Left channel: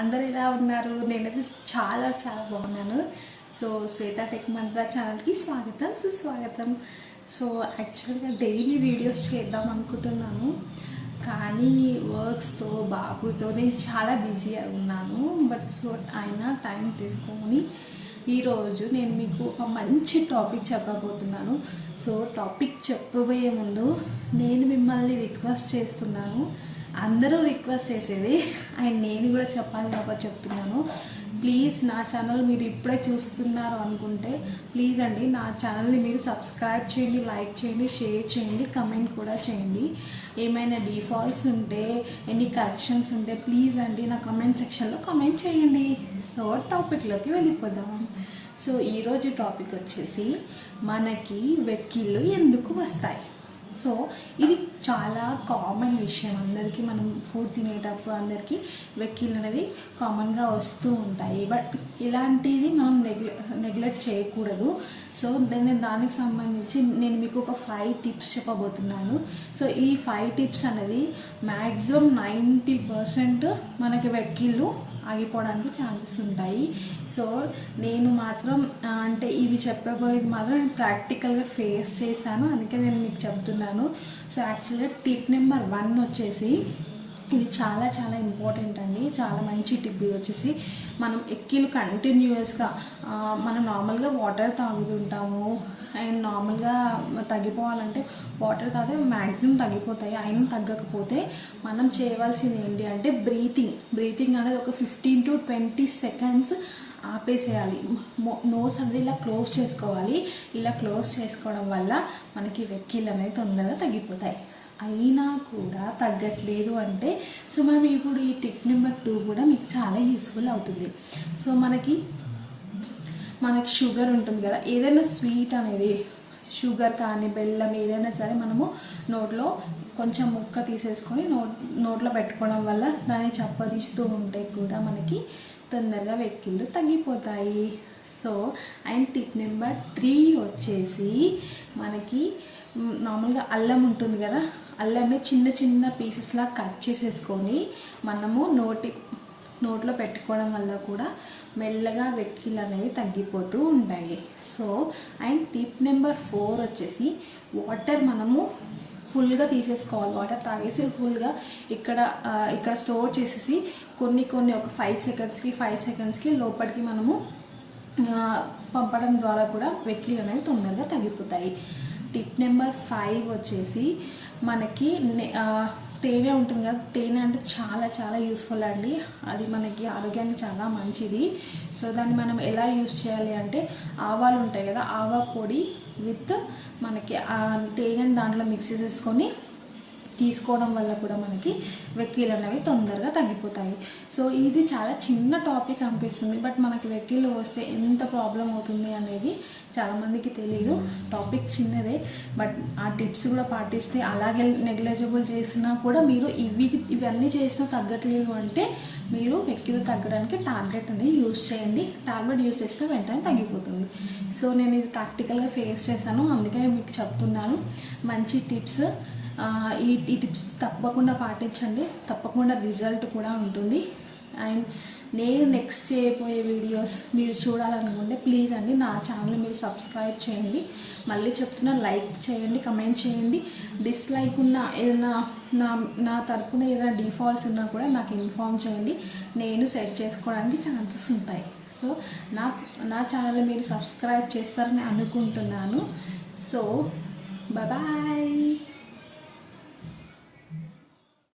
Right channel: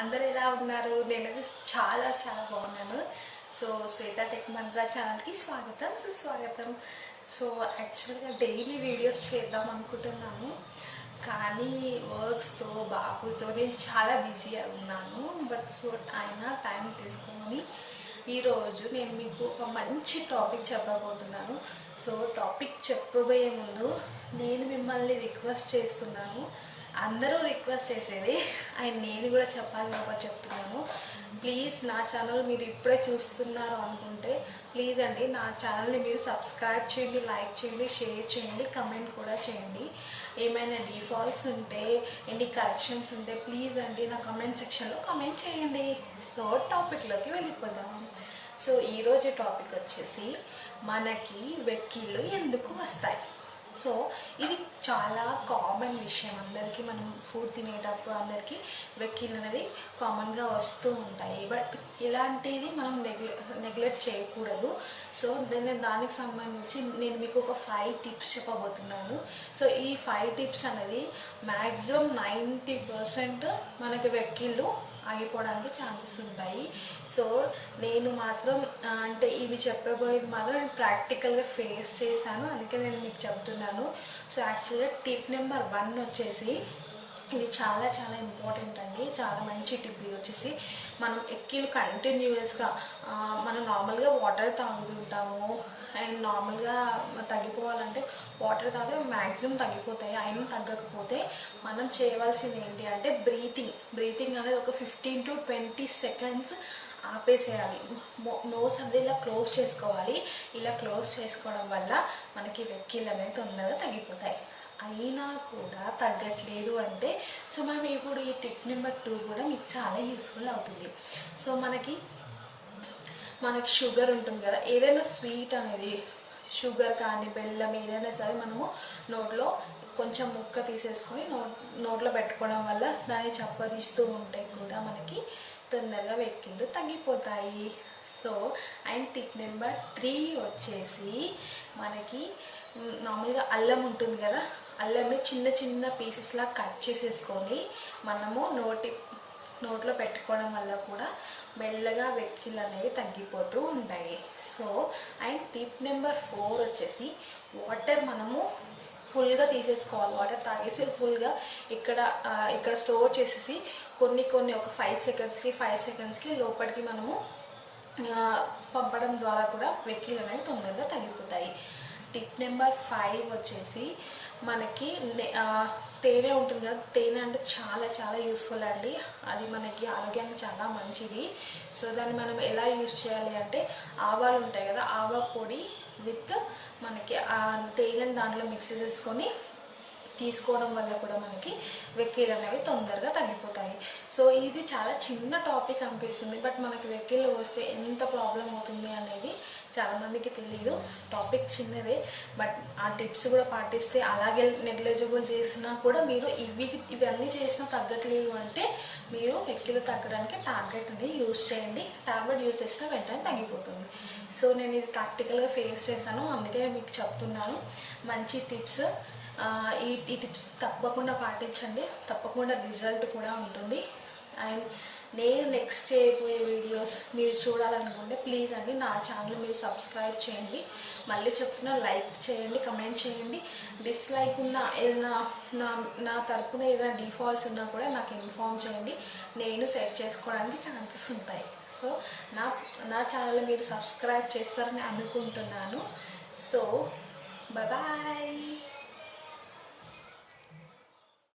అందరూ ఎలా ఉన్నారు? నేనైతే చాలా చాలా బాగున్నాను. సో శ్వేత టెక్ మంత్ర ఛానల్కి స్వాగతం సుస్వాగతం. సో యాక్చువల్గా డైలీ వీడియోస్ చేద్దాం అనుకుంటున్నాను, కానీ వర్క్స్తో బాబుతో నేను చాలా బిజీగా ఉన్నాను. బట్ సో అయినా టైం తీసుకొని ఈరోజు నేను మీకు ఒక మంచి టాపిక్ చెప్పబోతున్నాను. సో టాపిక్ చెప్పబోయే ముందు నేను మిమ్మల్ని రిక్వెస్ట్ చేస్తున్నాను. అందరూ రిక్వెస్ట్ చేసేది అండ్ నేను కూడా చెప్పాలి కాబట్టి చెప్తున్నాను. ప్లీజ్ నా ఛానల్ మీరు ఇప్పుడే చూస్తున్నారు అనుకుంటే ప్లీజ్ అండి నా ఛానల్ని మీరు సబ్స్క్రైబ్ చేయండి, లైక్ చేయండి, షేర్ చేయండి, కమెంట్ కూడా చేయండి. ఏమైనా డిఫాల్ట్స్ ఉంటే ఎనీ కరెక్షన్స్ ఉంటే ప్లీజ్ అండి నా కమెంట్ సెక్షన్లో కమెంట్ చేయండి. సో టాపిక్లోకి వెళ్ళిపోదాం. సో ఈరోజు టాపిక్ వచ్చేసి మనకి వెక్కిళ్ళు ఎందుకు వస్తాయి. సో ఇది చాలా కామన్ విషయం, అందరికీ మనం ఫుడ్ తినేటప్పుడు అందరికీ వెక్కిళ్ళు అనేది కామన్గా వస్తూ ఉంటాయి. బట్ ఇలాంటిది మనం నెగ్లెక్ట్ చేయకూడదు. సో దానికి సంబంధించి నేను మీకు ఒక 5 టిప్స్ చెప్పబోతున్నాను. సో ఈ 5 టిప్స్ అనేది మ్యాక్సిమం 90% మనకి వెక్కిళ్ళు ఆగిపోవడానికి ఛాన్సెస్ ఉంటాయి. సో నేను మాత్రం అంటే ఇవి చెప్పబోయేది మాత్రం నేను ప్రాక్టికల్గా ఫేస్ చేశాను, అందుకే నేను మీకు చెప్తున్నాను. సో యాక్చువల్గా టిప్ నెంబర్ 1 వచ్చేసి ఇది చాలా చాలా ఇంపార్టెంట్ అండి, చాలా మంచి టిప్. ఇది వచ్చేసి మనం ఎక్కిలు కంటిన్యూస్గా మనం నార్మల్గా వాటర్ తాగుతుంటాము అండ్ నార్మల్గా తగ్గిపోవాలంటే వాటర్ తాగితే మ్యాక్సిమం తగ్గిపోతాయి. అయినా తగ్గకపోతే మనం చేయవలసింది ఏంటి అంటే బ్రీతింగ్ అనేది ఒక 15 to 20 seconds ఆపేసేయాలి. నోస్ అనేది ఇలా క్లోజ్ చేసుకోవాలి. ఇలా క్లోజ్ చేసుకోవడం వల్ల మనకి వెక్కిళ్ళు అనేది తొందరగా తగ్గిపోతాయి. అయినా కూడా తగ్గట్లేదు అంటే సో మనం ఇప్పుడు ఈ టిప్ నెంబర్ 2 కూడా మీకు చాలా యూస్ఫుల్ అవుతుంది. సో మనకి షుగర్ ఉంటుంది కదా, ఏదైనా స్వీట్ అనేది షుగర్ కానీ బెల్లం ఏదైనా సరే మనము నోట్లో కొంచెం ముక్క తీసేసుకొని నోట్లో పెట్టుకోవడం వల్ల దాన్ని చప్పరిస్తూ ఉంటే కూడా మనకి తొందరగా వెక్కిళ్ళు తగ్గిపోతాయి. సో అండ్ టిప్ నెంబర్ 3 వచ్చేసి మనకి నార్మల్గా అల్లం ఉంటుంది కదా, అల్లంని చిన్న చిన్న పీసెస్లా కట్ చేసేసుకొని మనము నోట్లో పెట్టుకోవడం వల్ల కూడా మెల్లగా వెక్కిళ్ళు అనేవి తగ్గిపోతూ ఉంటాయి. సో అండ్ టిప్ నెంబర్ 4 వచ్చేసి వాటర్ మనము ఫుల్గా తీసేసుకోవాలి. వాటర్ తాగేసి ఫుల్గా ఇక్కడ స్టోర్ చేసేసి కొన్ని ఒక 5 సెకండ్స్కి లోపలికి మనము పంపడం ద్వారా కూడా వెక్కిళ్ళు అనేవి తొందరగా తగ్గిపోతాయి. టిప్ నెంబర్ 5 వచ్చేసి మనకి తేనె ఉంటుంది కదా, తేనె అంటే చాలా చాలా యూస్ఫుల్ అండి. అది మనకి ఆరోగ్యానికి చాలా మంచిది. సో దాన్ని మనం ఎలా యూస్ చేయాలి అంటే ఆవాలు ఉంటాయి కదా, ఆవా పొడి విత్ మనకి తేనెని దాంట్లో మిక్స్ చేసుకొని తీసుకోవడం వల్ల కూడా మనకి వెక్కిళ్ళు అనేవి తొందరగా తగ్గిపోతాయి. సో ఇది చాలా చిన్న టాపిక్ అనిపిస్తుంది, బట్ మనకి వెక్కిళ్ళు వస్తే ఎంత ప్రాబ్లం అవుతుంది అనేది చాలామందికి తెలియదు. టాపిక్ చిన్నదే, బట్ ఆ టిప్స్ కూడా పాటిస్తే అలాగే నెగ్లిజిబుల్ చేసినా కూడా మీరు ఇవన్నీ చేసినా తగ్గట్లేదు అంటే మీరు వెక్కిళ్ళు తగ్గడానికి టాబ్లెట్ అనేది యూజ్ చేయండి. టాబ్లెట్ యూజ్ చేస్తే వెంటనే తగ్గిపోతుంది. సో నేను ఇది ప్రాక్టికల్గా ఫేస్ చేశాను, అందుకే మీకు చెప్తున్నాను. మంచి టిప్స్, ఈ టిప్స్ తప్పకుండా పాటించండి, తప్పకుండా రిజల్ట్ కూడా ఉంటుంది. అండ్ నేను నెక్స్ట్ చేయబోయే వీడియోస్ మీరు చూడాలనుకుంటే ప్లీజ్ అండి నా ఛానల్ మీరు సబ్స్క్రైబ్ చేయండి. మళ్ళీ చెప్తున్నా, లైక్ చేయండి, కమెంట్ చేయండి. డిస్లైక్ ఉన్న ఏదైనా నా తరపున ఏదైనా డిఫాల్ట్స్ ఉన్నా కూడా నాకు ఇన్ఫార్మ్ చేయండి, నేను సెట్ చేసుకోవడానికి ఛాన్సెస్ ఉంటాయి. సో నా ఛానల్ మీరు సబ్స్క్రైబ్ చేస్తారని అనుకుంటున్నాను. So bye.